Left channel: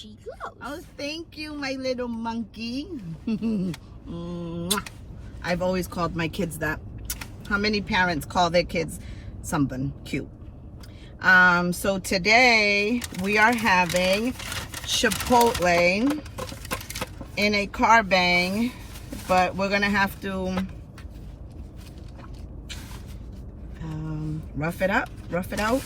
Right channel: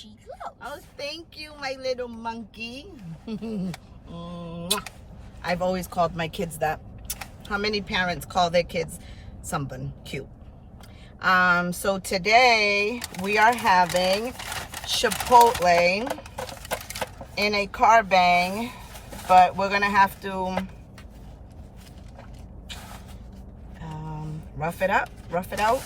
she goes. Oh, thank you, my little monkey. I've always called my kids that. How many parents call their kids something cute? So today we are having Chipotle in a Carbang, but we're gonna have to rough it out,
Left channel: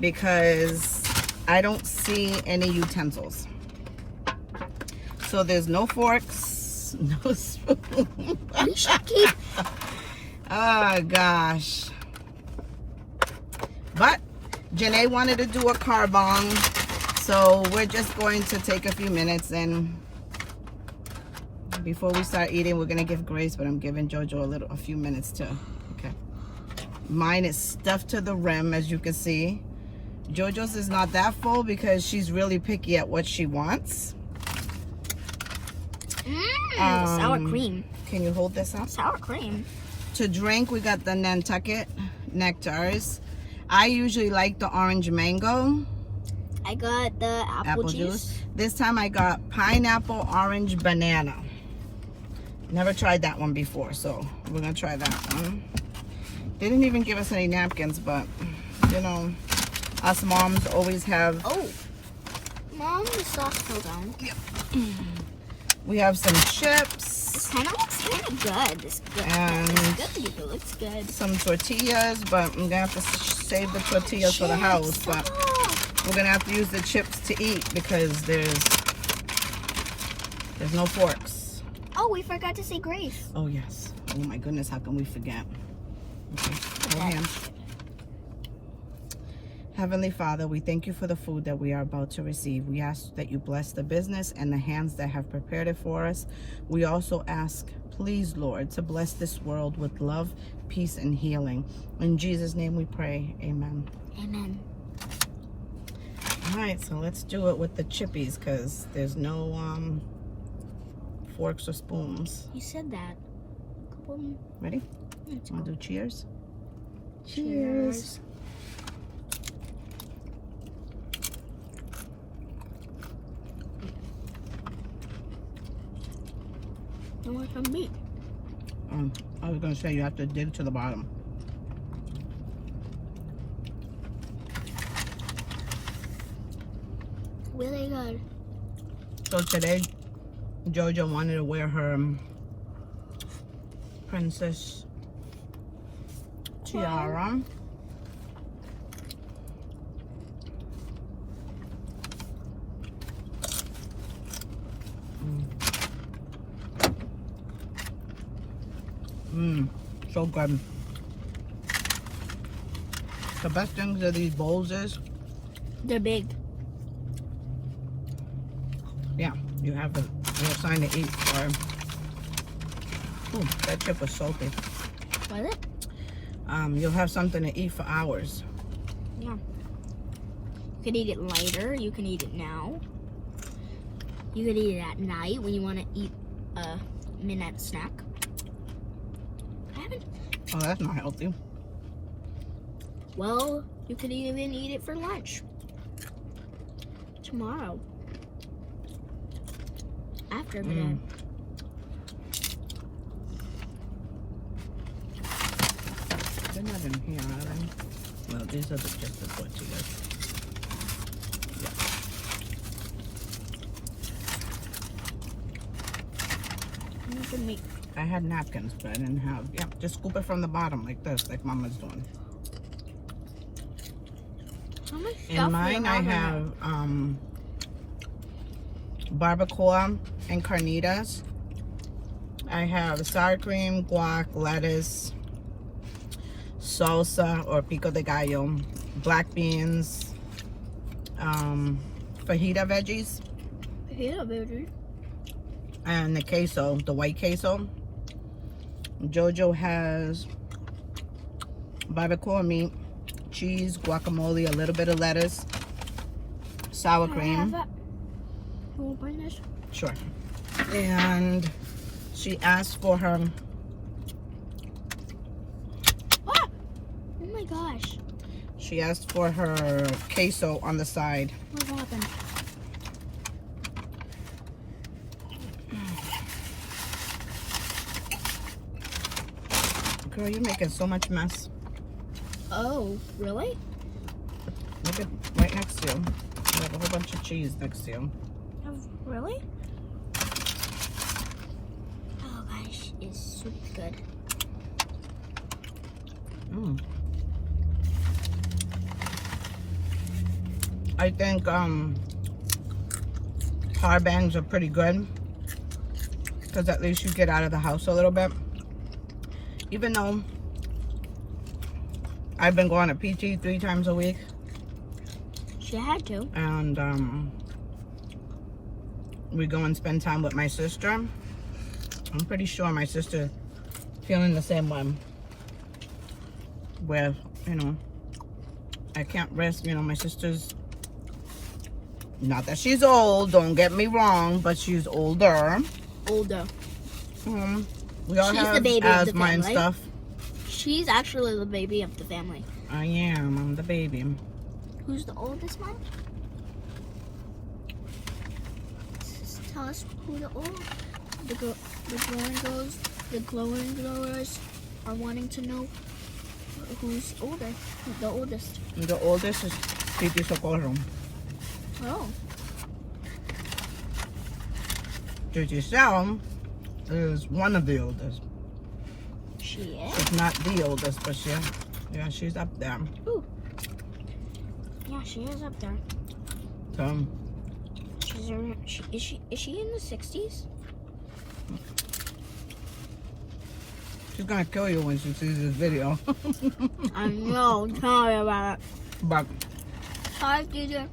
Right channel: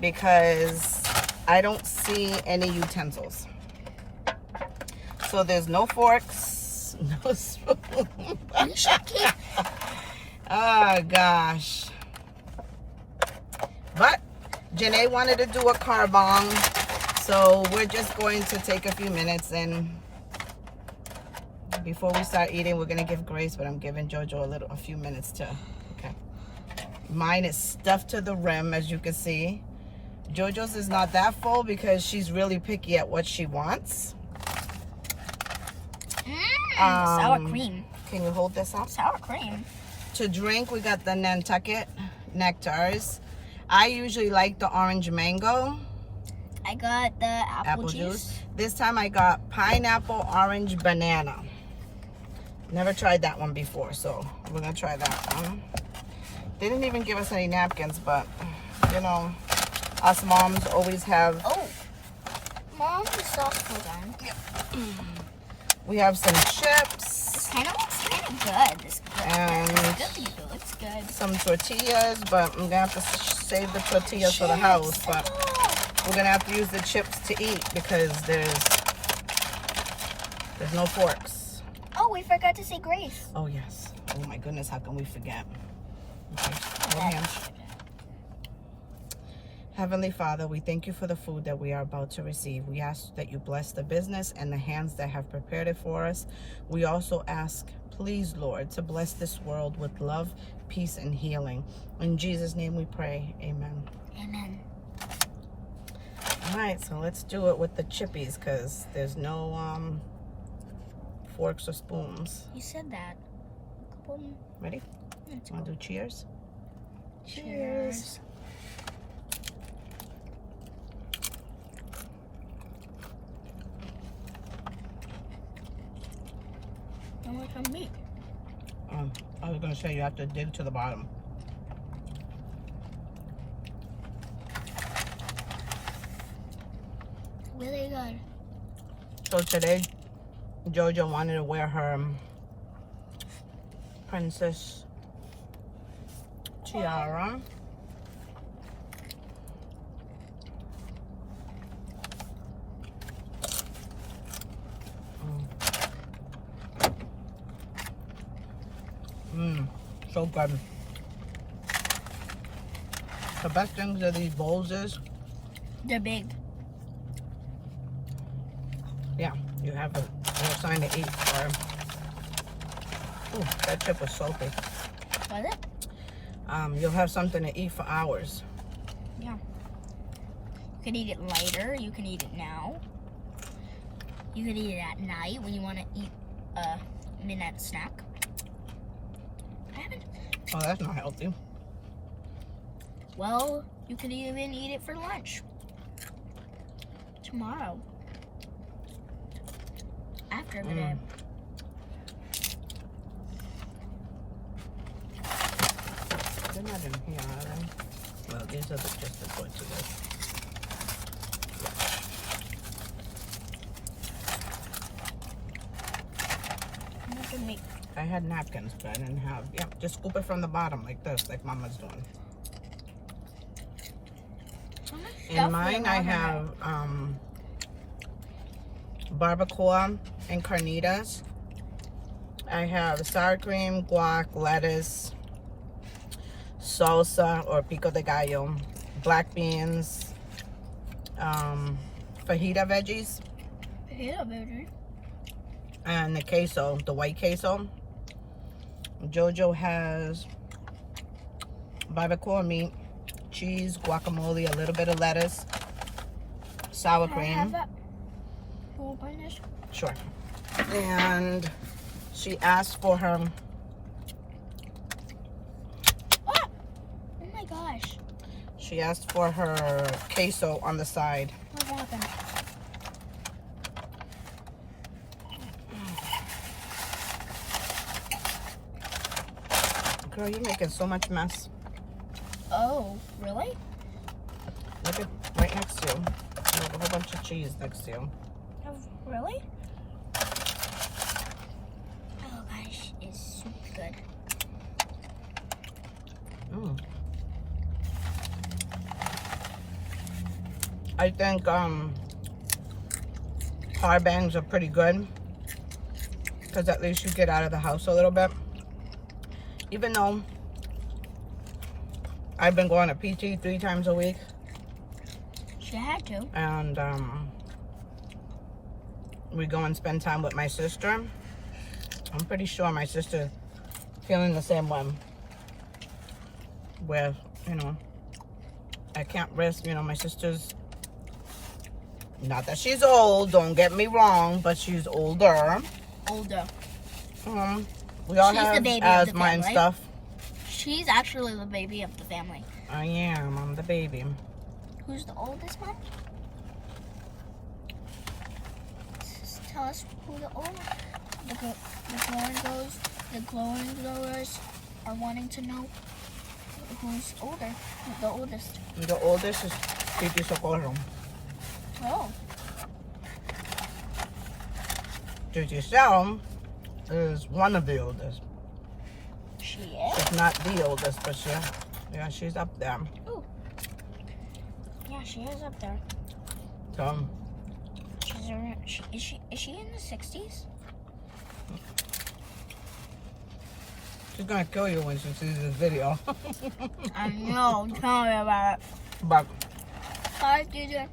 because I don't see any utensils. So there's no forks, no spoon. Oh gosh. But Janae wanted to do a carbang, so we're just going to take a few minutes, and before we start eating, we're gonna give Grace, but I'm giving Jojo a few minutes to. Okay. Mine is stuffed to the rim, as you can see. Jojo's is not that full because she's really picky at what she wants. Sour cream. Can you hold this up? Sour cream. To drink, we got the Nantucket nectars. I usually like the orange mango. I got the apple juice. This time I got pineapple orange banana. Never tried that one before, so we're gonna try that one. They didn't even give us any napkins, but you know, us moms always have. Oh, Mom, the sauce still done. Yep. We have some chips. It's kind of good. It's good. And it looks good. Some tortillas, but I'm gonna have to save the tortillas for the house. But we're gonna have to use the chips to eat because there's no forks. Oh, we forgot to say grace. Oh yes. Oh my goodness, how can we forget? Okay. Hold hands. Heavenly Father, we thank you for the food that we are about to receive. We ask that you bless the business and the hands that have prepared it for us. We also ask, please, Lord, to bless this world with love, peace, and healing. In Jesus' name we pray. Amen. Amen. All right, so let's do it with the chippies because there's no forks or spoons. You said that. Ready? Want to do cheers? Cheers. I want some meat. I was going to say you have to dig to the bottom. Really good. So today, Jojo wanted to wear her princess tiara. So good. The best things of these bowls is They're big. yeah, you have a sign to eat. Ooh, that chip was salty. Was it? You'll have something to eat for hours. Yeah. You could eat it later. You can eat it now. You could eat it at night when you want to eat a midnight snack. Oh, that's not healthy. Well, you could even eat it for lunch. Tomorrow. After the day. They're not in here, are they? Well, these are just the tortillas. I had napkins, but I didn't have. Yep, just scoop it from the bottom like this, like Mama's doing. In mine, I have barbacoa and carnitas. I have sour cream, guac, lettuce, salsa or pico de gallo, black beans, fajita veggies. Fajita veggies. And the queso, the white queso. Jojo has barbacoa meat, cheese, guacamole, a little bit of lettuce, sour cream. You want to this? Sure. And she asked for her. Ah! Oh my gosh. She asked for her queso on the side. What happened? Girl, you're making so much mess. Oh, really? Look at right next to you. I have a whole bunch of cheese next to you. Oh, really? Oh gosh, it's super good. Mm. I think Carbangs are pretty good because at least you get out of the house a little bit. Even though I've been going to PT 3 times a week. She had to. And we go and spend time with my sister. I'm pretty sure my sister's feeling the same way. Where, you know, I can't risk, you know, my sister's, not that she's old, don't get me wrong, but she's older. Older. We all She's have the baby of the asthma and family. stuff. She's actually the baby of the family. I am, I'm the baby. Who's the oldest one? Tell us who the old, the glowing growers are wanting to know who's older, the oldest. The oldest is Titi Socorro. Oh. Titi Sal is one of the oldest. She is? She's not the oldest, but yeah, she's up there. Ooh. Yeah, she is up there. So, She's around, is she in the 60s? she's gonna kill you when she sees this video. I know, tell me about it. But, Hi, Ginger.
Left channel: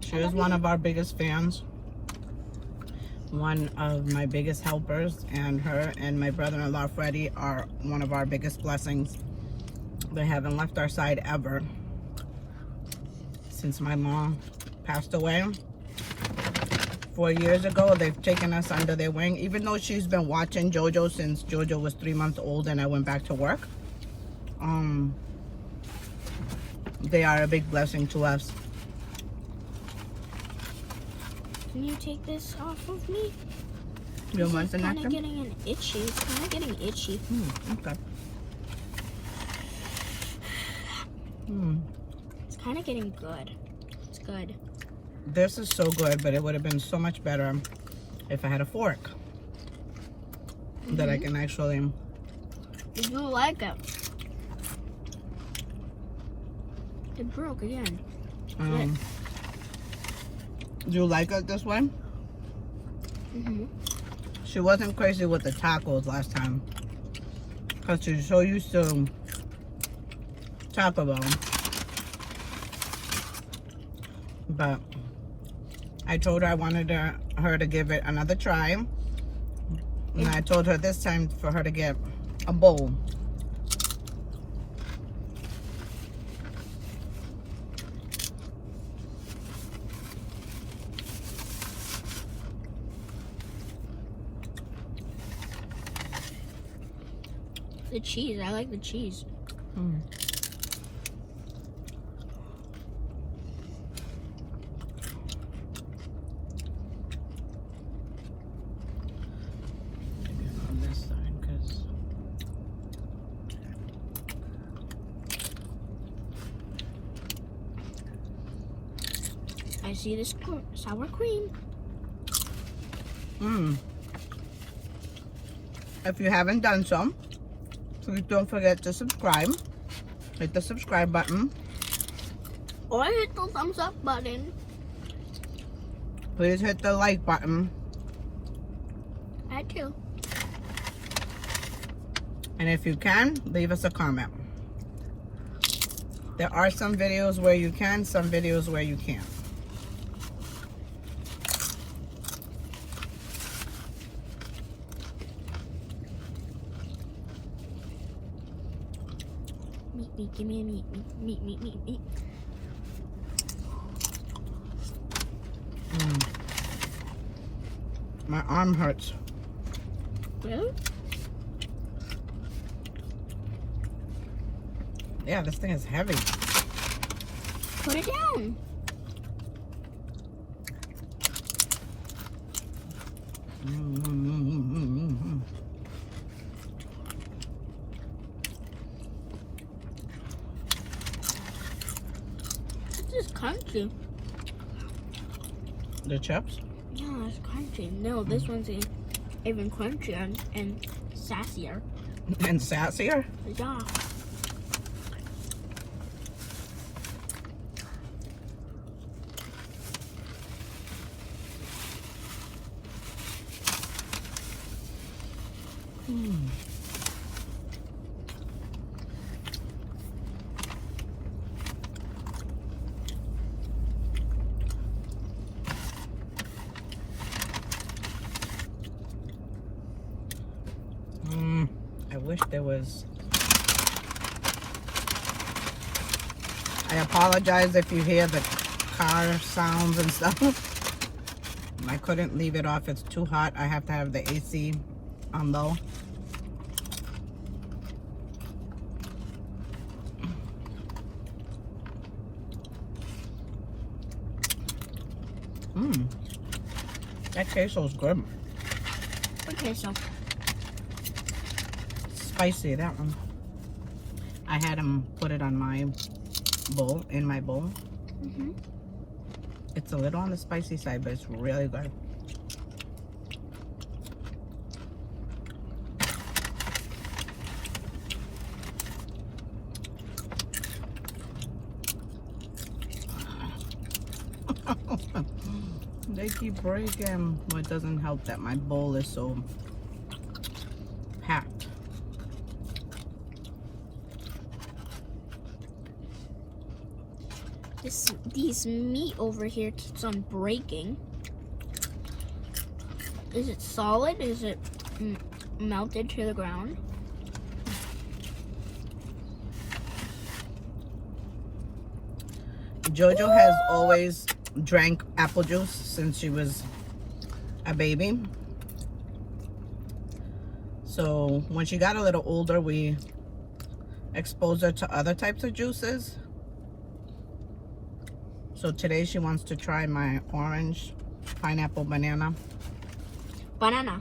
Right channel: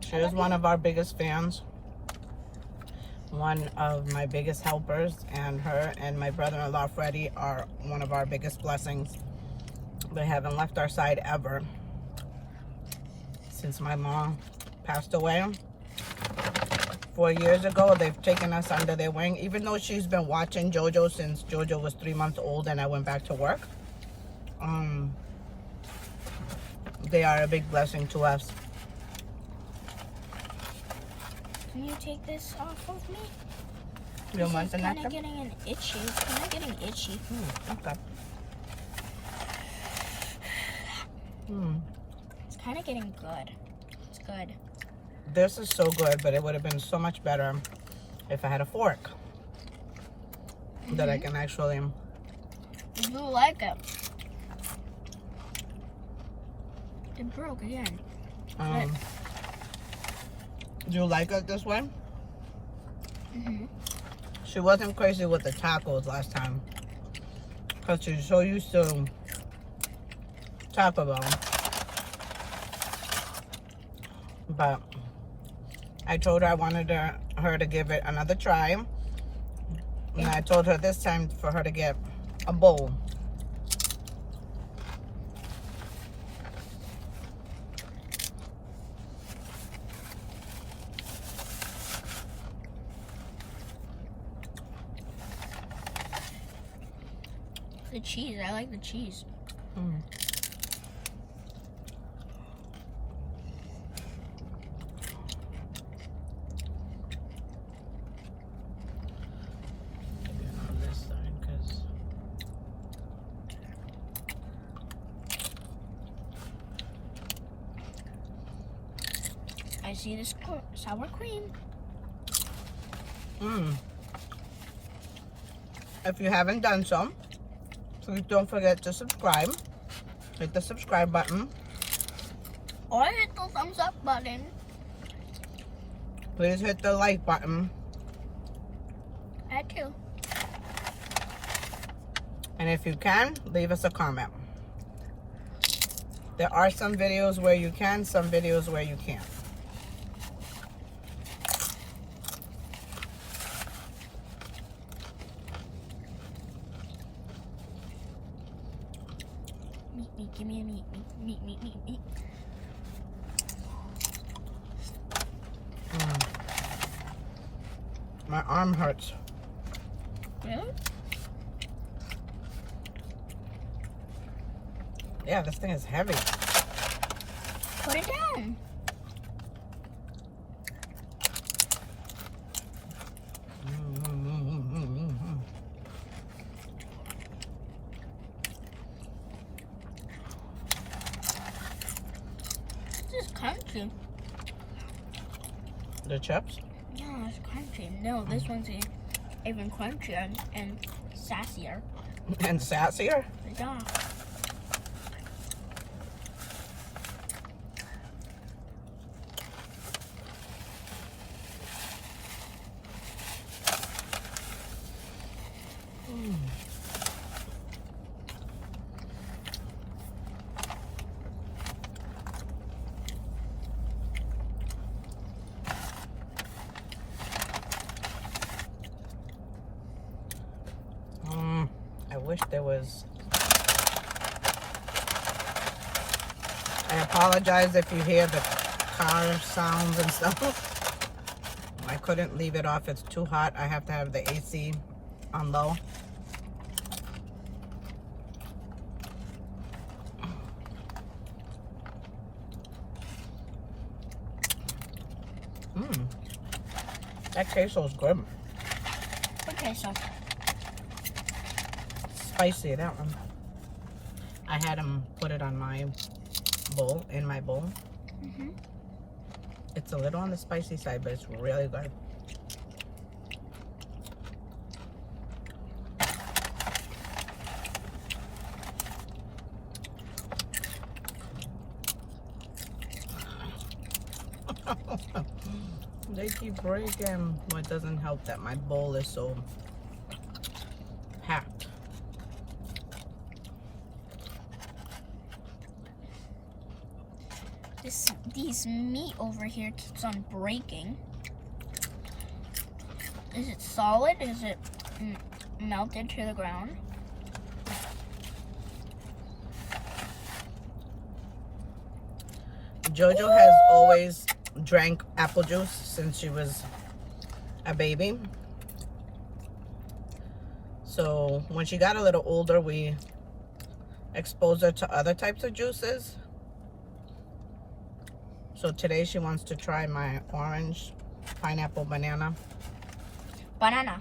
she is one of our biggest fans. One of my biggest helpers, and her and my brother-in-law Freddie are one of our biggest blessings. They haven't left our side ever since my mom passed away 4 years ago. They've taken us under their wing, even though she's been watching JoJo since JoJo was 3 months old and I went back to work. They are a big blessing to us. Can you take this off of me? You want the It's kind of napkin? getting an itchy. It's kind of getting itchy. Okay. It's kind of getting good. It's good. This is so good, but it would have been so much better if I had a fork that I can actually. I do like it. It broke again. Do you like it this way? She wasn't crazy with the tacos last time because she's so used to Taco Bell. But I told her I wanted her to give it another try. And I told her this time for her to get a bowl. The cheese. I like the cheese. I see this sour cream. If you haven't done so, please don't forget to subscribe. Hit the subscribe button. Or hit the thumbs up button. Please hit the like button. I too. And if you can, leave us a comment. There are some videos where you can, some videos where you can't. Meat, give me a meat. Meat. My arm hurts. Really? Yeah, this thing is heavy. Put it down. crunchy. The chips? Yeah, it's crunchy. No, this one's even crunchier and sassier. And sassier? Yeah. I wish there was. I apologize if you hear the car sounds and stuff. I couldn't leave it off. It's too hot. I have to have the AC on low. That queso's good. Okay, so Spicy, that one. I had him put it on my bowl, in my bowl. It's a little on the spicy side, but it's really good. They keep breaking. Well, it doesn't help that my bowl is so packed. these meat over here keeps on breaking. Is it solid? Is it melted to the ground? Jojo has always drank apple juice since she was a baby. So when she got a little older, we exposed her to other types of juices. So today she wants to try my orange, pineapple, banana. Banana.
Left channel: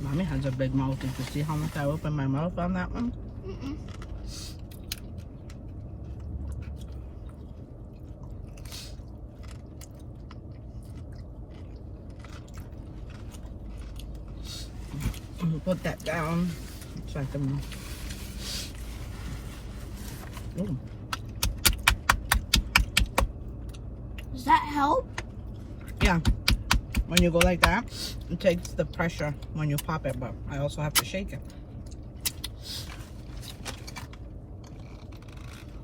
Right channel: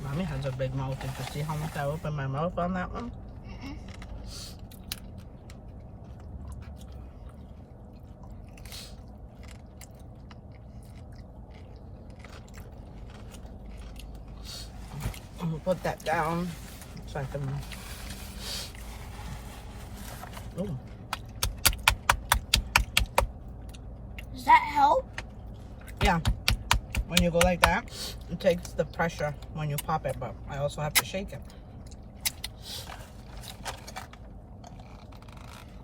Mommy has a big mouth. Did you see how much I opened my mouth on that one? Mm-mm. I'm gonna put that down so I can. Ooh. Does that help? Yeah. When you go like that, it takes the pressure when you pop it, but I also have to shake it.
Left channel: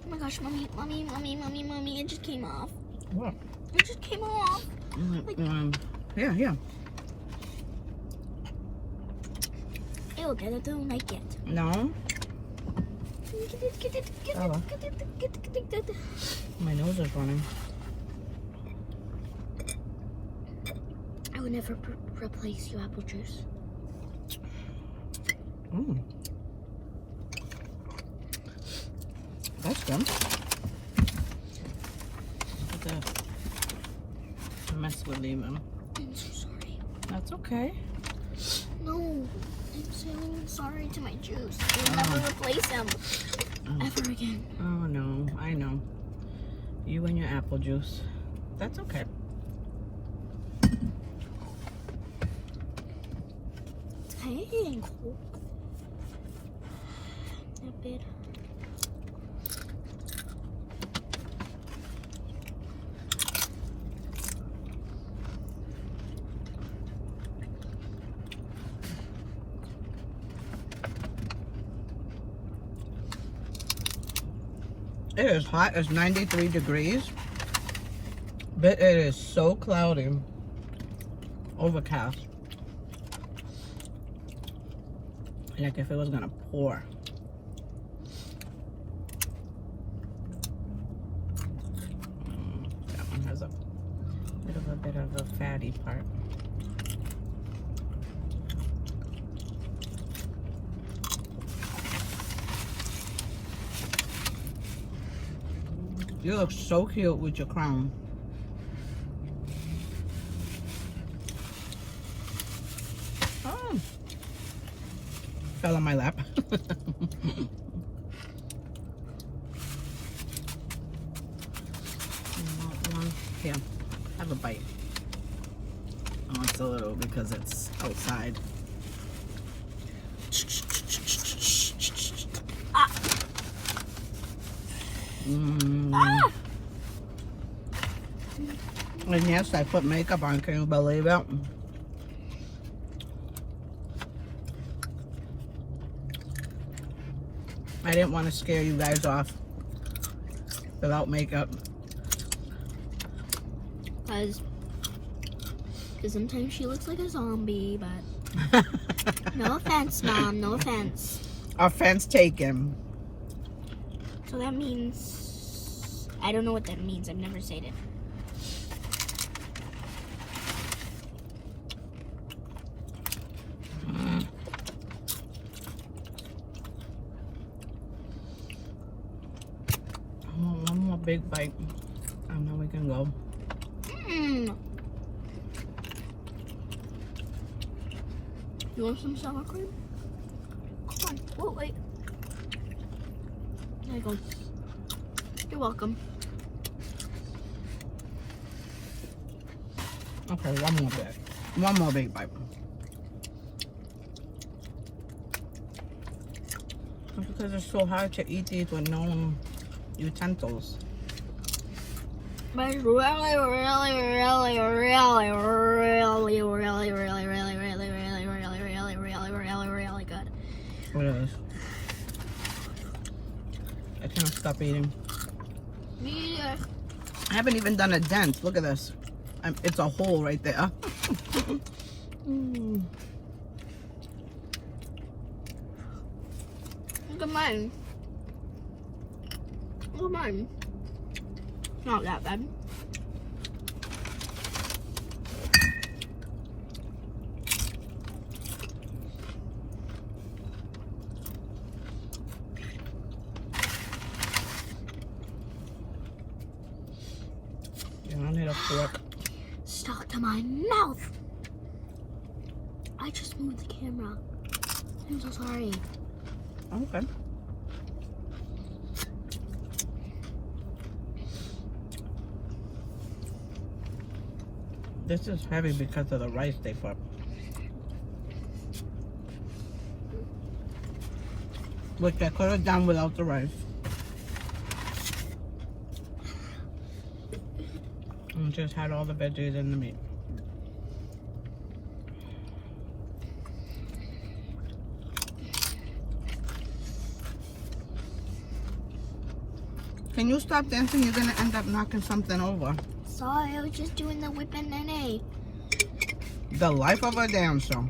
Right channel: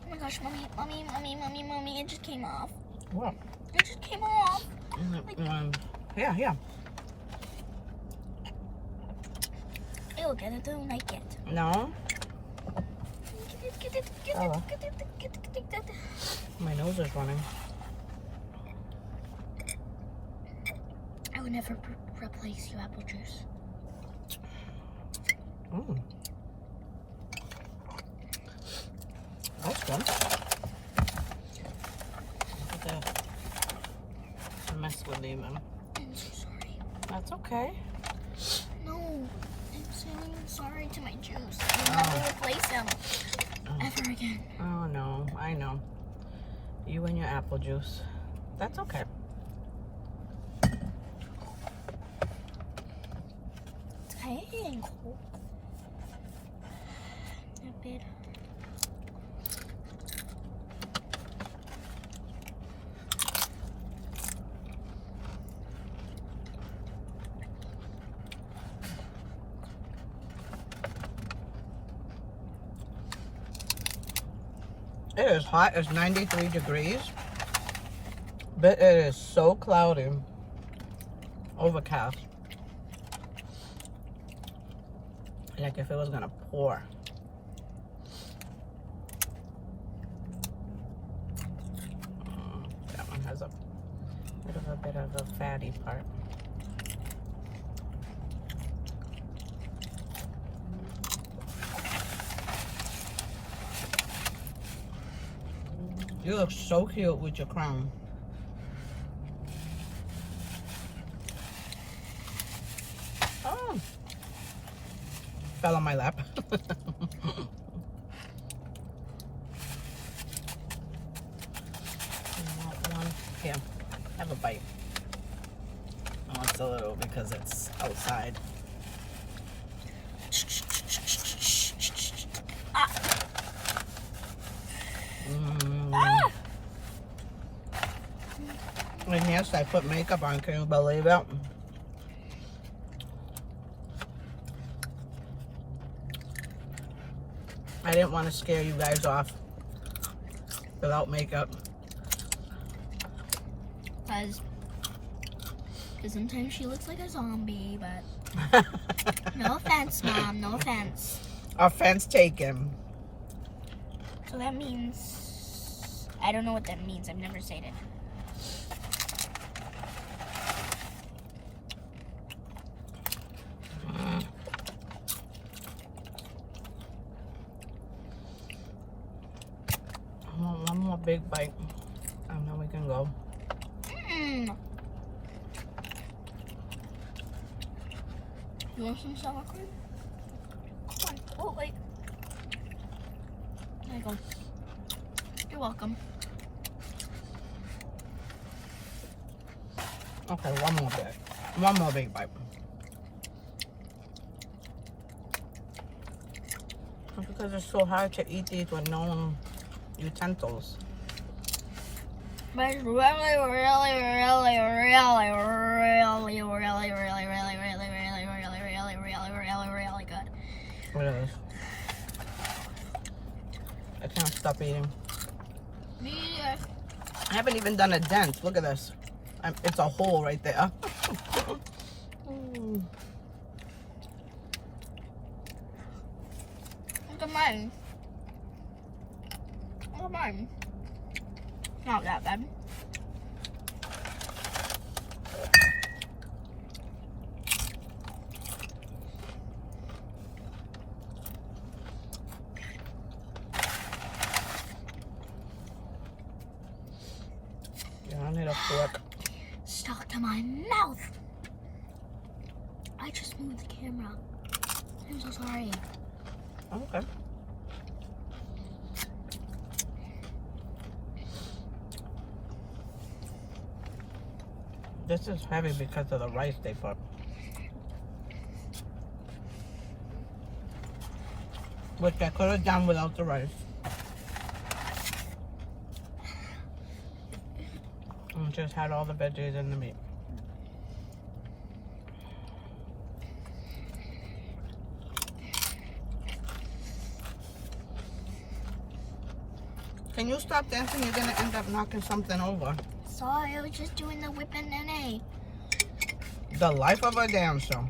Oh my gosh, mommy, it just came off. What? It just came off. Yeah, yeah. Ew, I don't like it. No? Get it. My nose is running. I would never replace you, apple juice. That's good. I mess with you, man. I'm so sorry. That's okay. No, I'm saying sorry to my juice. I will never replace him ever again. Oh no, I know. You and your apple juice. That's okay. Hey, not bad. It is hot. It's 93 degrees. But it is so cloudy. Overcast. Like if it was gonna pour. That one has a bit of a fatty part. You look so cute with your crown. Fell on my lap. Here, have a bite. Oh, it's a little because it's outside. Ah! And yes, I put makeup on. Can you believe it? I didn't want to scare you guys off without makeup. Because sometimes she looks like a zombie, but no offense, Mom, no offense. Offense taken. So that means, I don't know what that means. I've never said it. One more big bite, and then we can go. You want some sour cream? Come on. Oh, wait. There you go. You're welcome. Okay, one more bit. One more big bite. Because it's so hard to eat these with no utensils. But it's really, really, really, really, really, really, really, really good. It is. I can't stop eating. Yeah. I haven't even done a dent. Look at this. It's a hole right there. Look at mine. Look at mine. It's not that bad. I need a fork. Stuck to my mouth. I just moved the camera. I'm so sorry. Okay. This is heavy because of the rice they put. Which I could have done without the rice. And just had all the veggies and the meat. Can you stop dancing? You're gonna end up knocking something over. Sorry, I was just doing the whip and nene. The life of a dancer.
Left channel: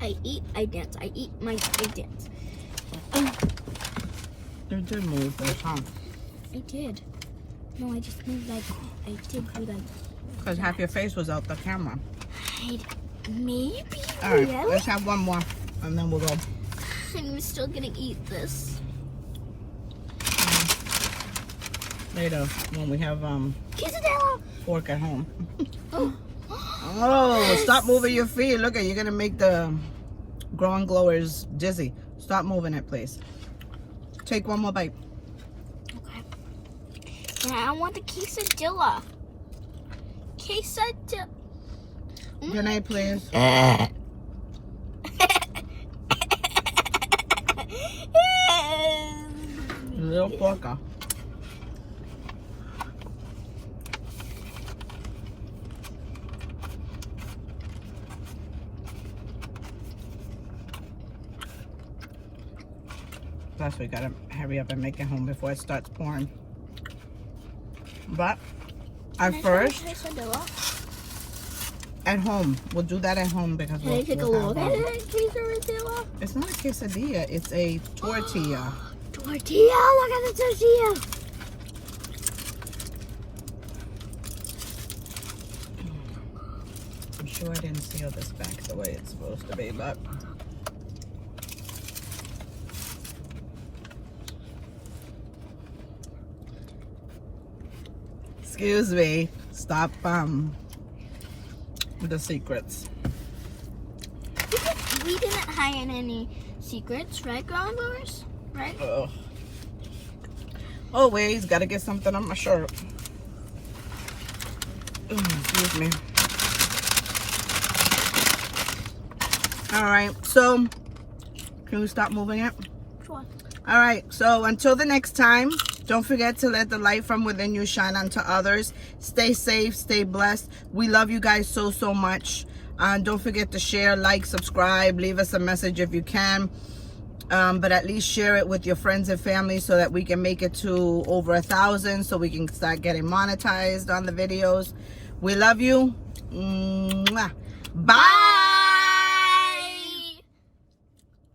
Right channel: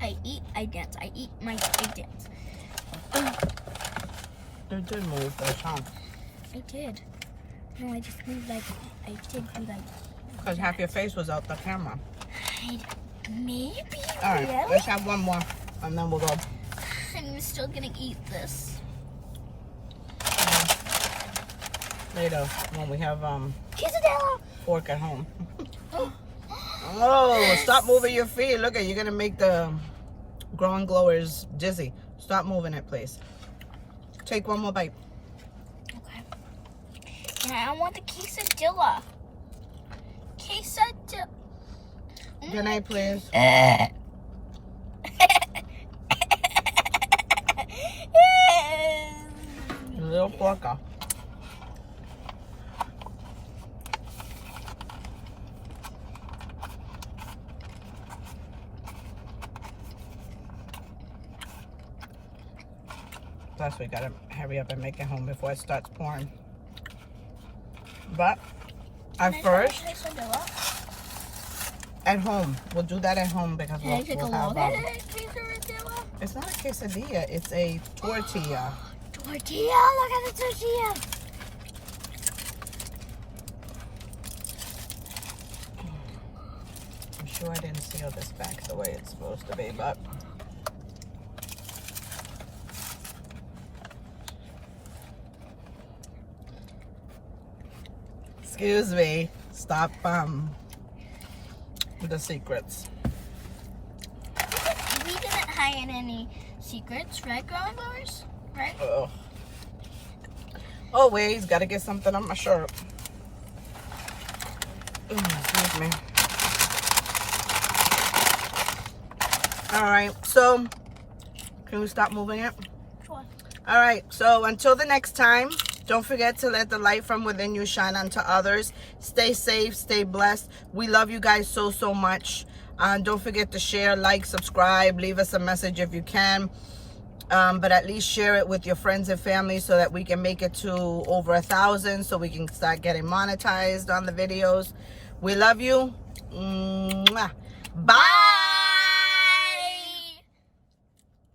I eat, I dance. I eat, I dance. You did move that, huh? I did. No, I just moved like, I did do that. Because half your face was out the camera. Maybe. All right, Really? let's have one more, and then we'll go. I'm still gonna eat this. Later, when we have Quesadilla! fork at home. Oh, stop moving your feet. Look at, you're gonna make the growing glowers dizzy. Stop moving it, please. Take one more bite. Okay. Yeah, I want the quesadilla. Quesadilla. Janae, please. Little porker. Plus, we gotta hurry up and make it home before it starts pouring. But at first, at home, we'll do that at home because Can I take a we'll look have, at it? Quesadilla? it's not a quesadilla, it's a tortilla. Tortilla! Look at the tortilla! I'm sure I didn't seal this back the way it's supposed to be, but excuse me, stop with the secrets. We didn't hide any secrets, right, grandmas? Right? Uh-oh. Always gotta get something on my shirt. Excuse me. All right, so can we stop moving it? Sure. All right, so until the next time, don't forget to let the light from within you shine onto others. Stay safe, stay blessed. We love you guys so, so much. Don't forget to share, like, subscribe, leave us a message if you can. But at least share it with your friends and family so that we can make it to over 1,000 so we can start getting monetized on the videos. We love you. Mwah. Bye.